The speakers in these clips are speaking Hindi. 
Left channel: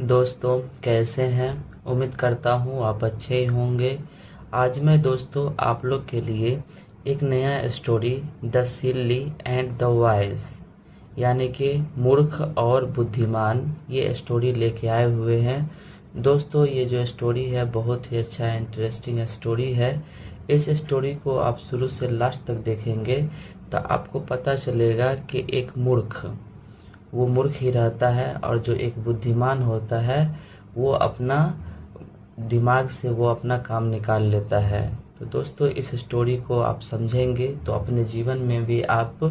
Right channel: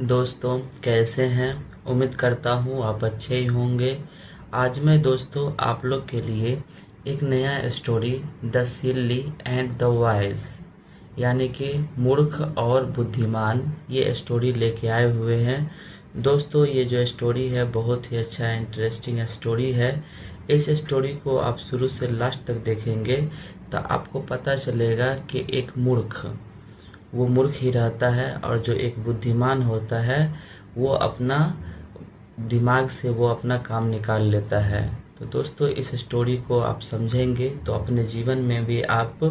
दोस्तों कैसे हैं। उम्मीद करता हूँ आप अच्छे ही होंगे। आज मैं दोस्तों आप लोग के लिए एक नया story the silly and the wise यानी कि मूर्ख और बुद्धिमान ये स्टोरी लेके आए हुए हैं। दोस्तों ये जो स्टोरी है बहुत ही अच्छा इंटरेस्टिंग स्टोरी है। इस स्टोरी को आप शुरू से लास्ट तक देखेंगे तो आपको पता चलेगा कि एक मूर्ख वो मूर्ख ही रहता है और जो एक बुद्धिमान होता है वो अपना दिमाग से वो अपना काम निकाल लेता है। तो दोस्तों इस स्टोरी को आप समझेंगे तो अपने जीवन में भी आप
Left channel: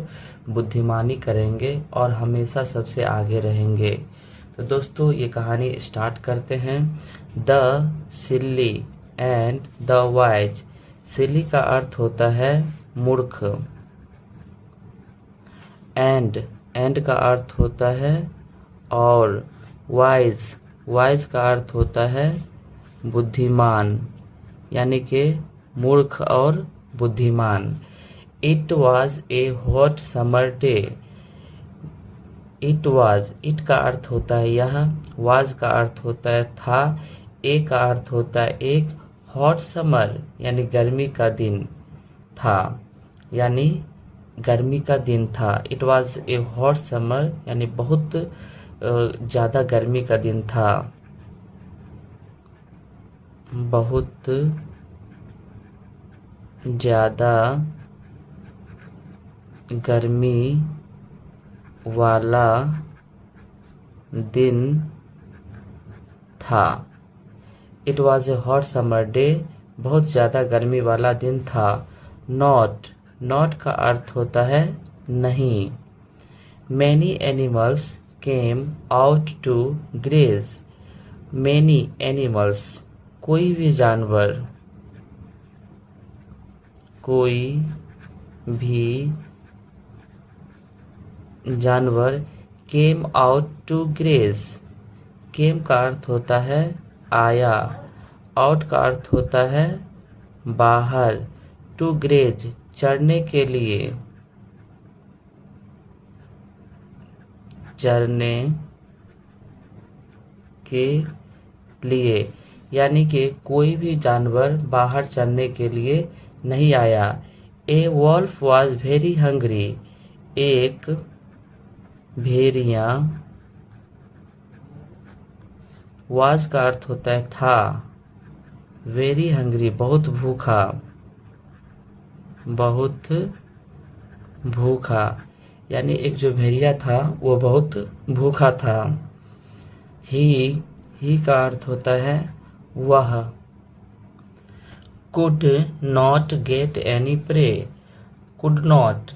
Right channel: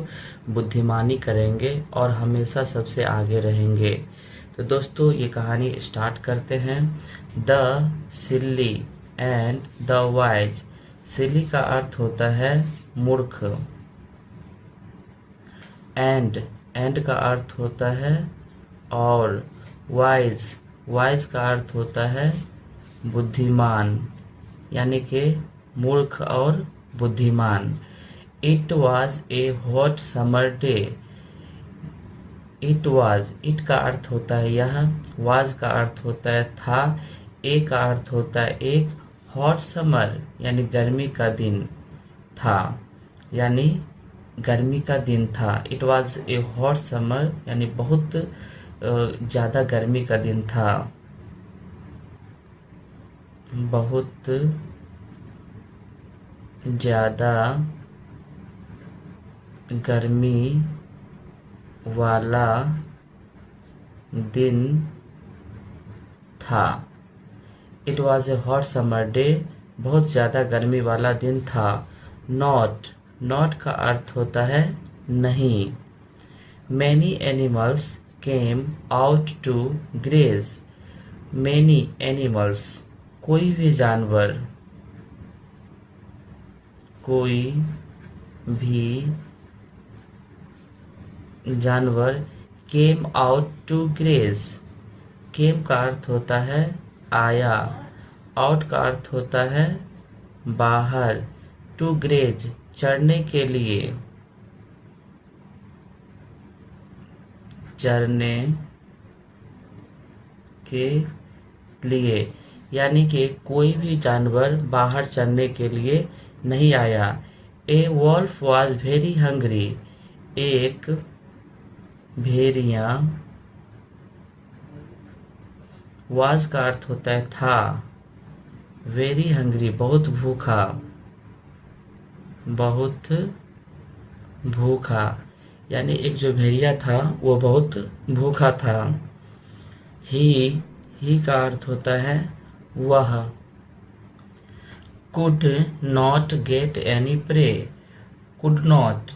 बुद्धिमानी करेंगे और हमेशा सबसे आगे रहेंगे। तो दोस्तों ये कहानी स्टार्ट करते हैं। The silly and the wise. Silly का अर्थ होता है मूर्ख, एंड का अर्थ होता है और, वाइज का अर्थ होता है बुद्धिमान यानी कि मूर्ख और बुद्धिमान। It was a hot summer day. It का अर्थ होता है यह, वाज का अर्थ होता है था, ए का अर्थ होता है एक, हॉट समर यानी गर्मी का दिन था, यानी गर्मी का दिन था। It was a hot summer यानी बहुत ज़्यादा गर्मी का दिन था, बहुत ज़्यादा गर्मी वाला दिन था। It was a hot summer day, बहुत ज़्यादा गर्मी वाला दिन था। नॉट का अर्थ होता है नहीं। Many animals came out to graze. Many animals कोई भी जानवर, कोई भी जानवर, came out to graze. Came का अर्थ होता है आया, आउट का अर्थ होता है बाहर, टू ग्रेज चढ़ने के लिए, चरने के लिए, यानी कि कोई भी जानवर बाहर चरने के लिए नहीं आया। ए वॉल्फ वॉज वेरी हंग्री। एक भेड़िया, वाज का अर्थ होता है था, वेरी हंग्री बहुत भूखा, बहुत भूखा, यानी एक जो भेड़िया था वो बहुत भूखा था। ही का अर्थ होता है वह। Could not get any prey. Could not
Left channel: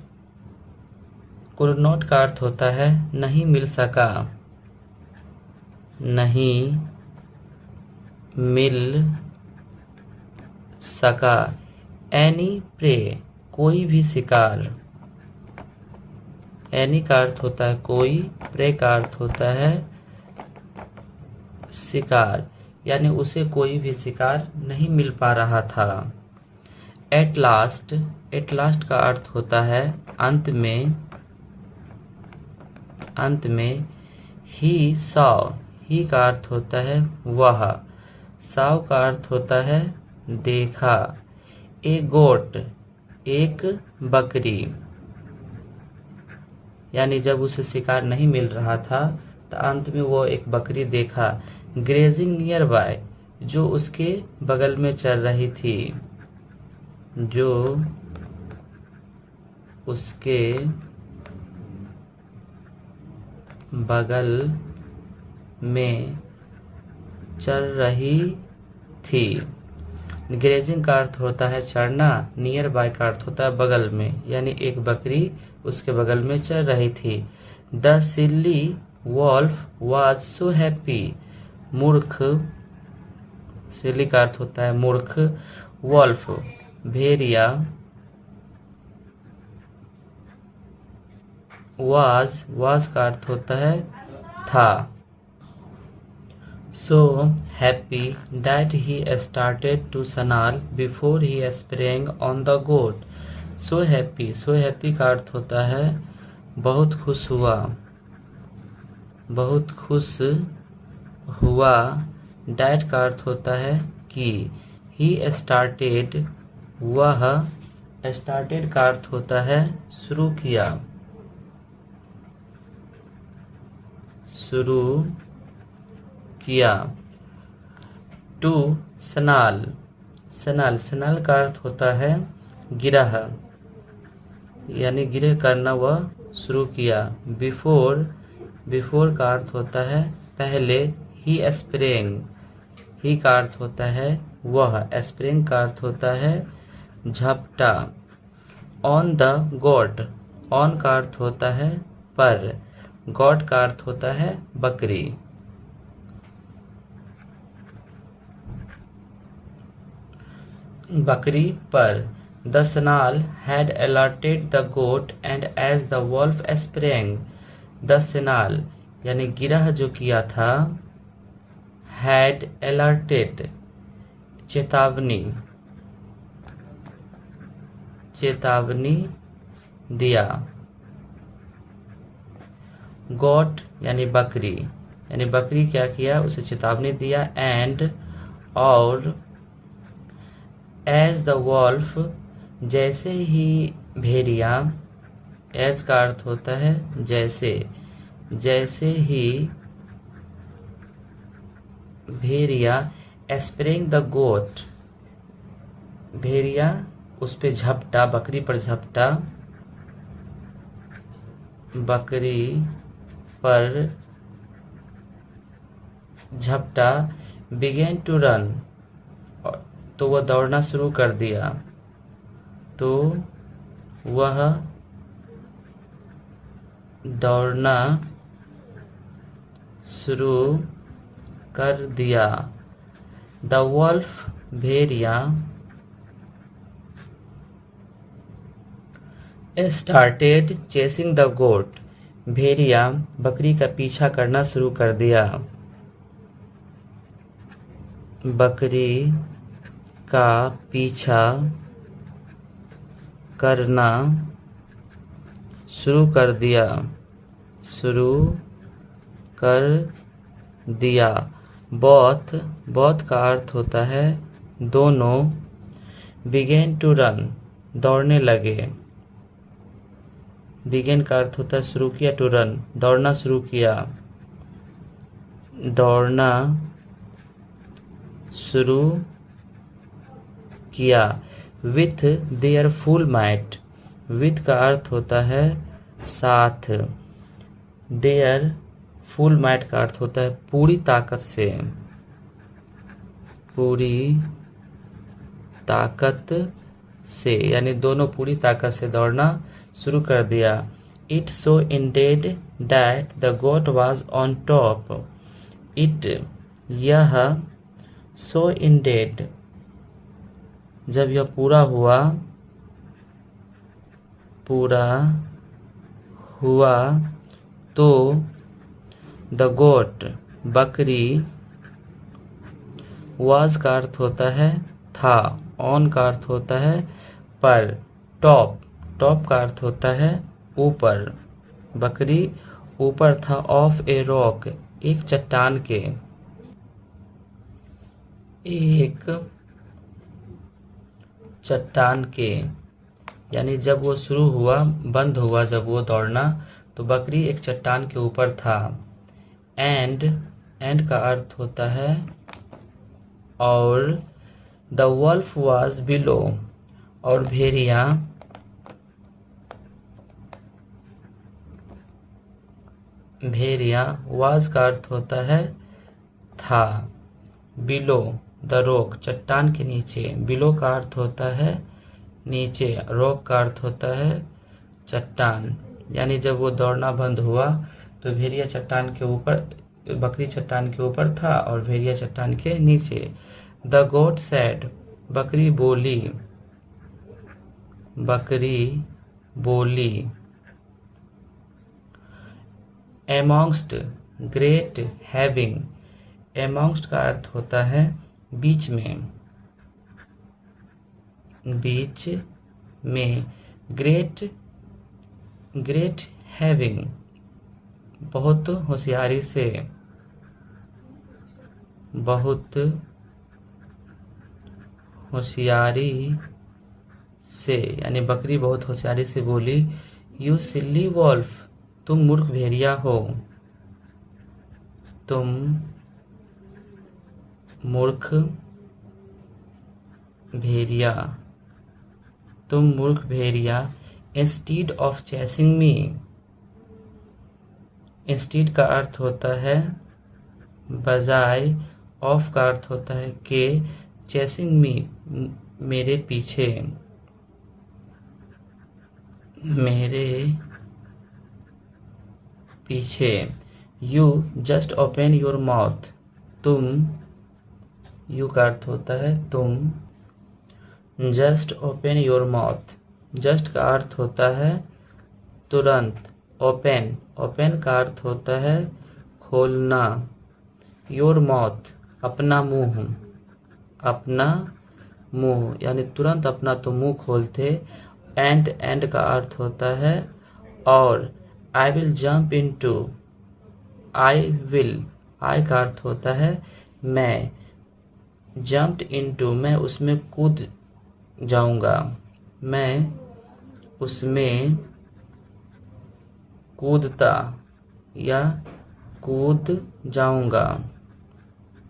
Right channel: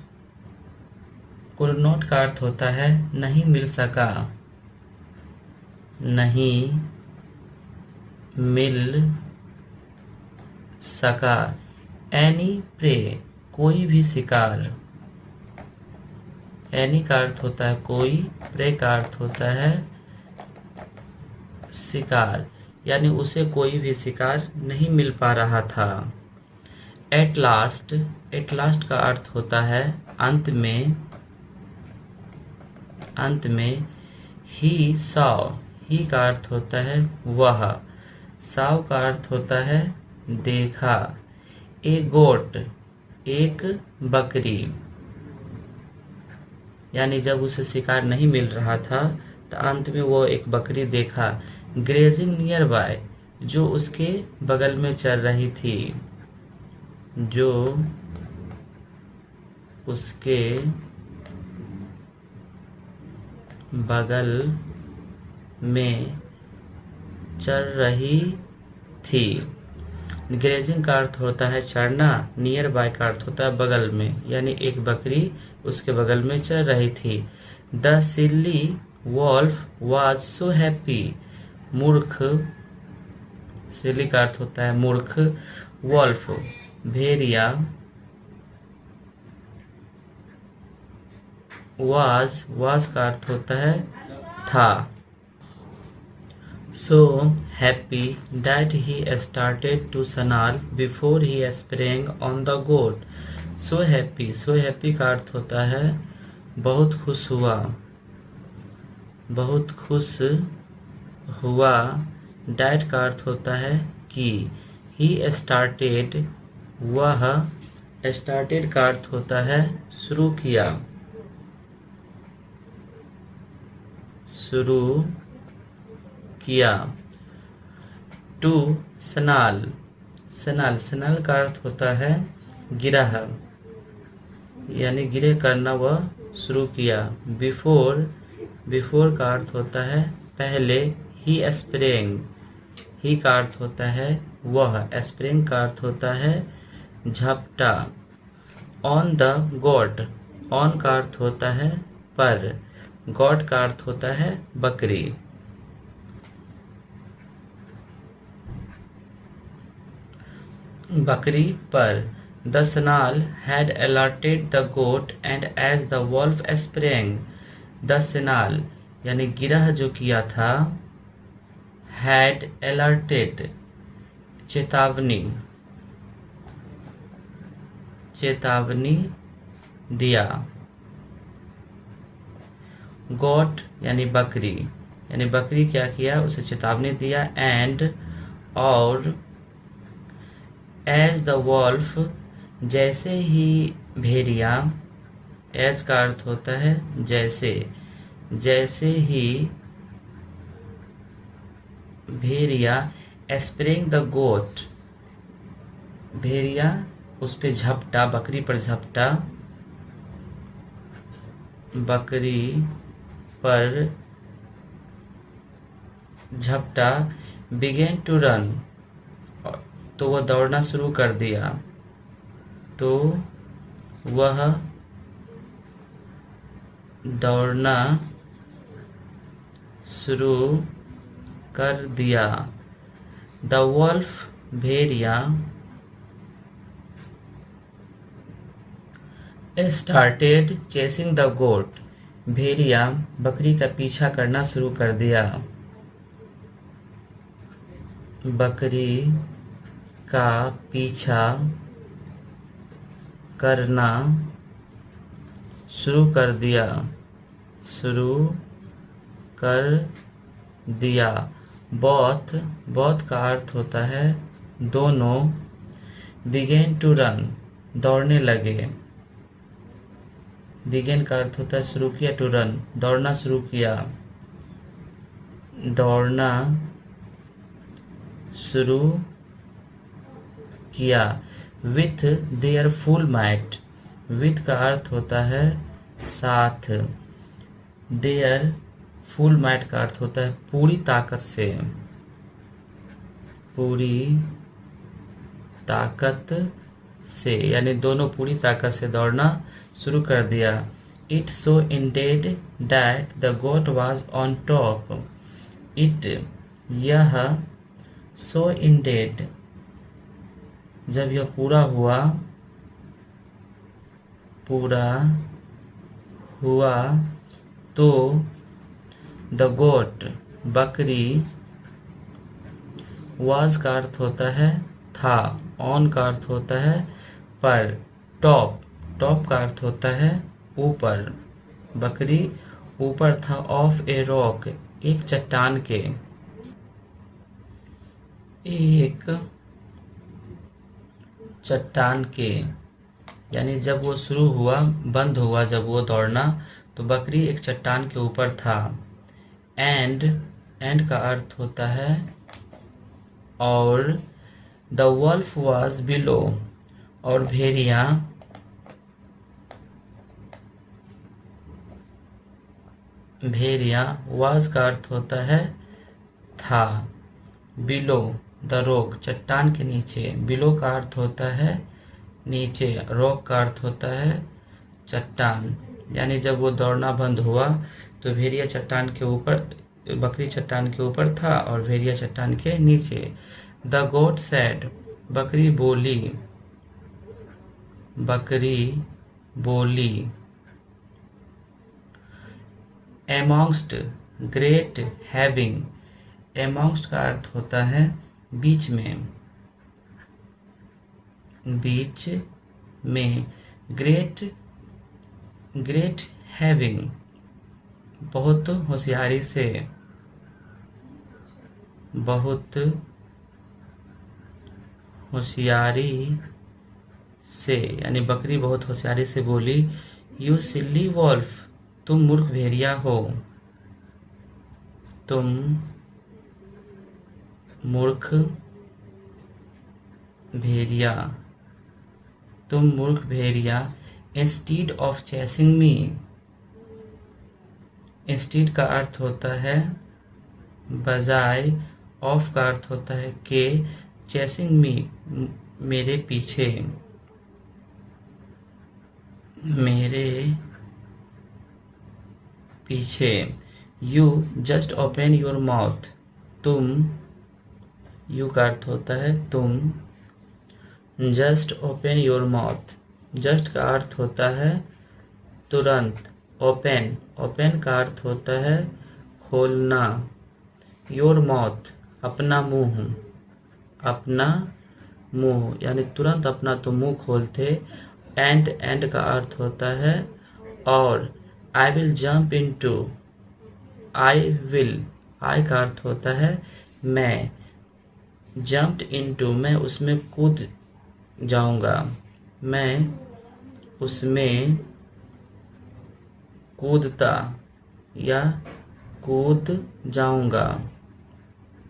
का अर्थ होता है नहीं मिल सका, नहीं मिल सका। एनी प्रे कोई भी शिकार। एनी का अर्थ होता है कोई, प्रे का अर्थ होता है शिकार, यानी उसे कोई भी शिकार नहीं मिल पा रहा था। एट लास्ट का अर्थ होता है अंत में, अंत में। ही सॉ, ही का अर्थ होता है वह, सॉ का अर्थ होता है देखा। ए गोट एक बकरी, यानी जब उसे शिकार नहीं मिल रहा था तो अंत में वो एक बकरी देखा। ग्रेजिंग नियर बाय जो उसके बगल में चल रही थी, जो उसके बगल में चल रही थी। ग्रेजिंग का अर्थ होता है चढ़ना, नियर बाय का अर्थ होता है बगल में, यानी एक बकरी उसके बगल में चल रही थी। The silly wolf was so happy. मूर्ख, सिल्ली का अर्थ होता है मूर्ख, वॉल्फ भेड़िया, वाज का अर्थ होता है था। So happy that he started to snarl before he sprang on the goat. So happy का अर्थ होता है बहुत खुश हुआ, बहुत खुश हुआ, डैट का अर्थ होता है कि, ही स्टार्टेड, वह, स्टार्टेड का अर्थ होता है शुरू किया, शुरू किया। टू सनाल, सनाल, सनाल का अर्थ होता है गिरह, यानी गिरह करना, वह शुरू किया। बिफोर, बिफोर का अर्थ होता है पहले। ही स्प्रेंग, ही का अर्थ होता है वह, स्प्रेंग का अर्थ होता है झपटा। ऑन द गोट, ऑन का अर्थ होता है पर, गोट का अर्थ होता है बकरी। बकरी पर। The Sanal had alerted the goat and as the wolf sprang, the Sanal यानी गिरह जो किया था, had alerted चेतावनी, चेतावनी दिया। गोट यानी बकरी, यानी बकरी क्या किया, उसे चेतावनी दिया। एंड और एज द वॉल्फ जैसे ही भेड़िया, एज का अर्थ होता है जैसे, जैसे ही भेड़िया, स्प्रिंग द गोट, भेड़िया उस पे झपटा, बकरी पर झपटा, बकरी पर झपटा। बिगेन टू रन, तो वह दौड़ना शुरू कर दिया, तो वह दौड़ना शुरू कर दिया। द वॉल्फ भेड़िया स्टार्टेड चेसिंग द गोट, भेड़िया बकरी का पीछा करना शुरू कर दिया। बकरी का पीछा करना शुरू कर दिया, शुरू कर दिया। बोथ, बोथ का अर्थ होता है दोनों। बिगेन टू रन दौड़ने लगे, बिगेन का अर्थ होता है शुरू किया, टू रन दौड़ना शुरू किया, दौड़ना शुरू किया। With their full might, with का अर्थ होता है साथ, देयर फुल माइट का अर्थ होता है पूरी ताकत से, पूरी ताकत से, यानी दोनों पूरी ताकत से दौड़ना शुरू कर दिया। It so ended that the goat was on top, it यह, सो इंडेड जब यह पूरा हुआ, पूरा हुआ, तो द गोट बकरी, वाज का अर्थ होता है था, ऑन का अर्थ होता है पर, टॉप, टॉप का अर्थ होता है ऊपर, बकरी ऊपर था। ऑफ ए रॉक एक चट्टान के, एक चट्टान के, यानी जब वो शुरू हुआ, बंद हुआ जब वो दौड़ना, तो बकरी एक चट्टान के ऊपर था। एंड, एंड का अर्थ होता है और, द वॉल्फ वाज बिलो, और भेड़िया भेड़िया वाज का अर्थ होता है था, बिलो द रॉक चट्टान के नीचे, बिलो का अर्थ होता है नीचे, रॉक का अर्थ होता है चट्टान, यानी जब वो दौड़ना बंद हुआ तो भेड़िया चट्टान के ऊपर, बकरी चट्टान के ऊपर था और भेड़िया चट्टान के नीचे। द गोट सैड, बकरी बोली, बकरी बोली। एमॉन्स्ट ग्रेट हैविंग, एमॉन्स्ट का अर्थ होता है बीच में, बीच में। ग्रेट, ग्रेट हैविंग बहुत होशियारी से, बहुत होशियारी से, यानी बकरी बहुत होशियारी से बोली, यू सिल्ली वॉल्फ, तुम मूर्ख भेड़िया हो, तुम मूर्ख भेड़िया, तुम मूर्ख भेड़िया। Instead of chasing me, instead का अर्थ होता है बजाय, ऑफ का अर्थ होता है के, चेसिंग मी मेरे पीछे, मेरे पीछे। You just open your mouth, तुम, यू का अर्थ होता है तुम, just open your mouth, just का अर्थ होता है तुरंत, ओपन, ओपन का अर्थ होता है खोलना, योर माउथ अपना मुंह, अपना मुंह, यानी तुरंत अपना तो मुंह खोलते। एंड, एंड का अर्थ होता है और, I will jump into, I will, I का अर्थ होता है मैं, जंप्ड इनटू मैं उसमें कूद जाऊंगा, मैं उसमें कूदता या कूद जाऊंगा,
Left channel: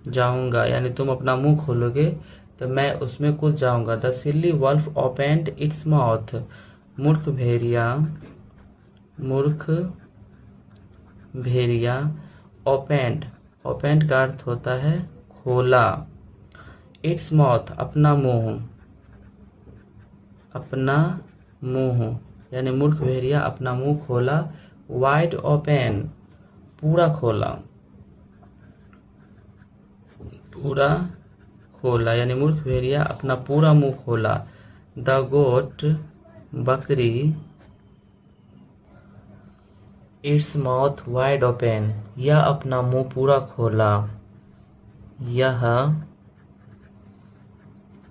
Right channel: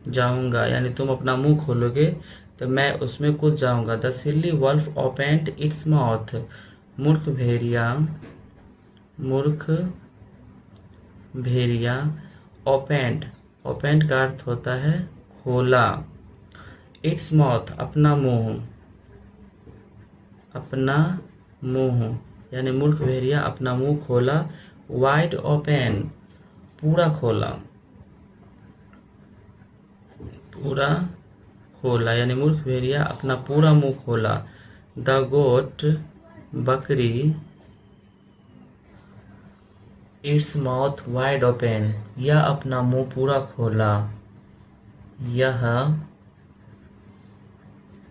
जाऊंगा यानी तुम अपना मुंह खोलोगे तो मैं उसमें कूद जाऊंगा। The silly wolf opened its mouth, मूर्ख भेड़िया, मूर्ख भेड़िया। ओपेंड, ओपेंड का अर्थ होता है खोला, इट्स माउथ अपना मुंह, अपना मुंह यानी मूर्ख भेड़िया अपना मुंह खोला। वाइड ओपन, पूरा खोला, पूरा खोला यानी मूर्ख भेड़िया अपना पूरा मुंह खोला। द गोट, बकरी, इट्स माउथ वाइड ओपन, यह अपना मुंह पूरा खोला, यह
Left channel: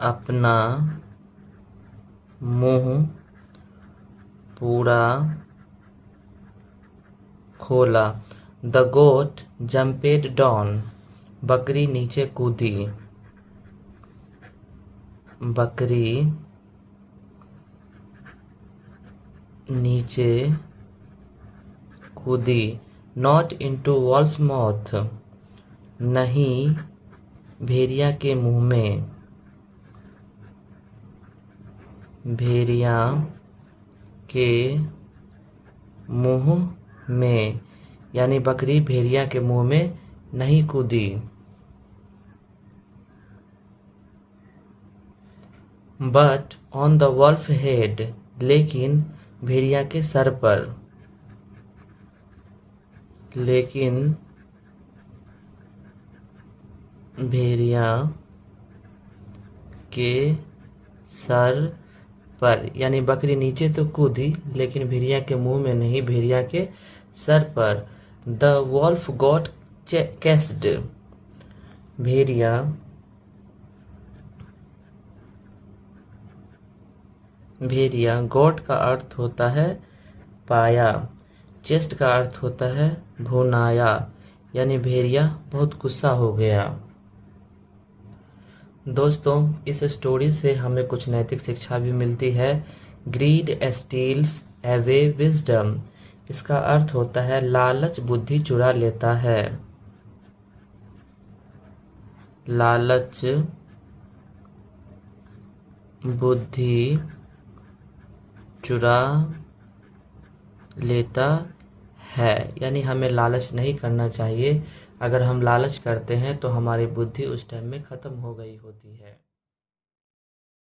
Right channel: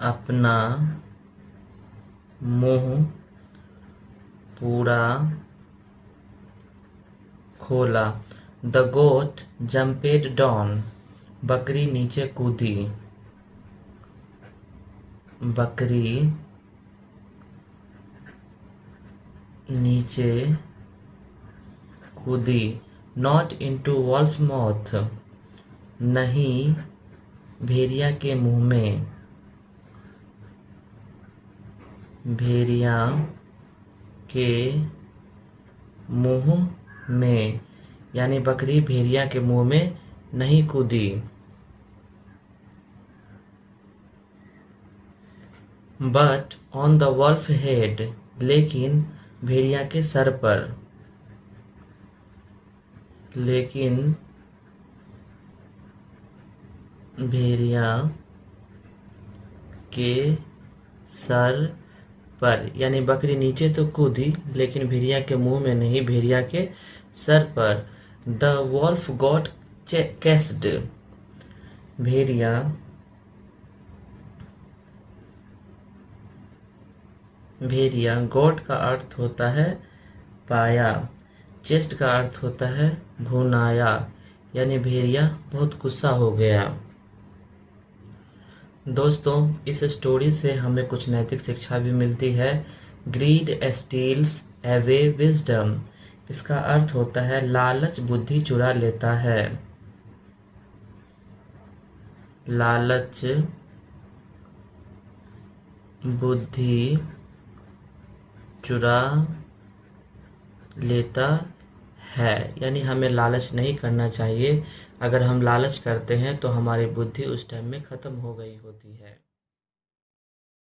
अपना मुंह पूरा खोला। द गोट जंपेड डाउन, बकरी नीचे कूदी, बकरी नीचे कूदी। नॉट इनटू वॉल्फ माउथ, नहीं भेड़िया के मुंह में, भेड़िया के मुंह में यानी बकरी भेड़िया के मुंह में नहीं कूदी। But on the wolf head, लेकिन भेड़िया के सर पर, लेकिन भेड़िया के सर पर यानी बकरी नीचे तो कूदी लेकिन भेड़िया के मुंह में नहीं, भेड़िया के सर पर। द वॉल्फ गॉट कैस्ड, भेड़िया भेड़िया गॉट का अर्थ होता है पाया, चेस्ट का अर्थ होता है भुनाया यानी भेड़िया बहुत गुस्सा हो गया। दोस्तों इस स्टोरी से हमें कुछ नैतिक शिक्षा भी मिलती है। ग्रीड स्टील्स अवे विजडम, इसका अर्थ होता है लालच बुद्धि चुरा लेता है, लालच बुद्धि चुरा लेता है यानी हमें लालच नहीं करना चाहिए। अगर हम लालच करते हैं तो हमारी बुद्धि उस टाइम में खत्म हो गई होती है।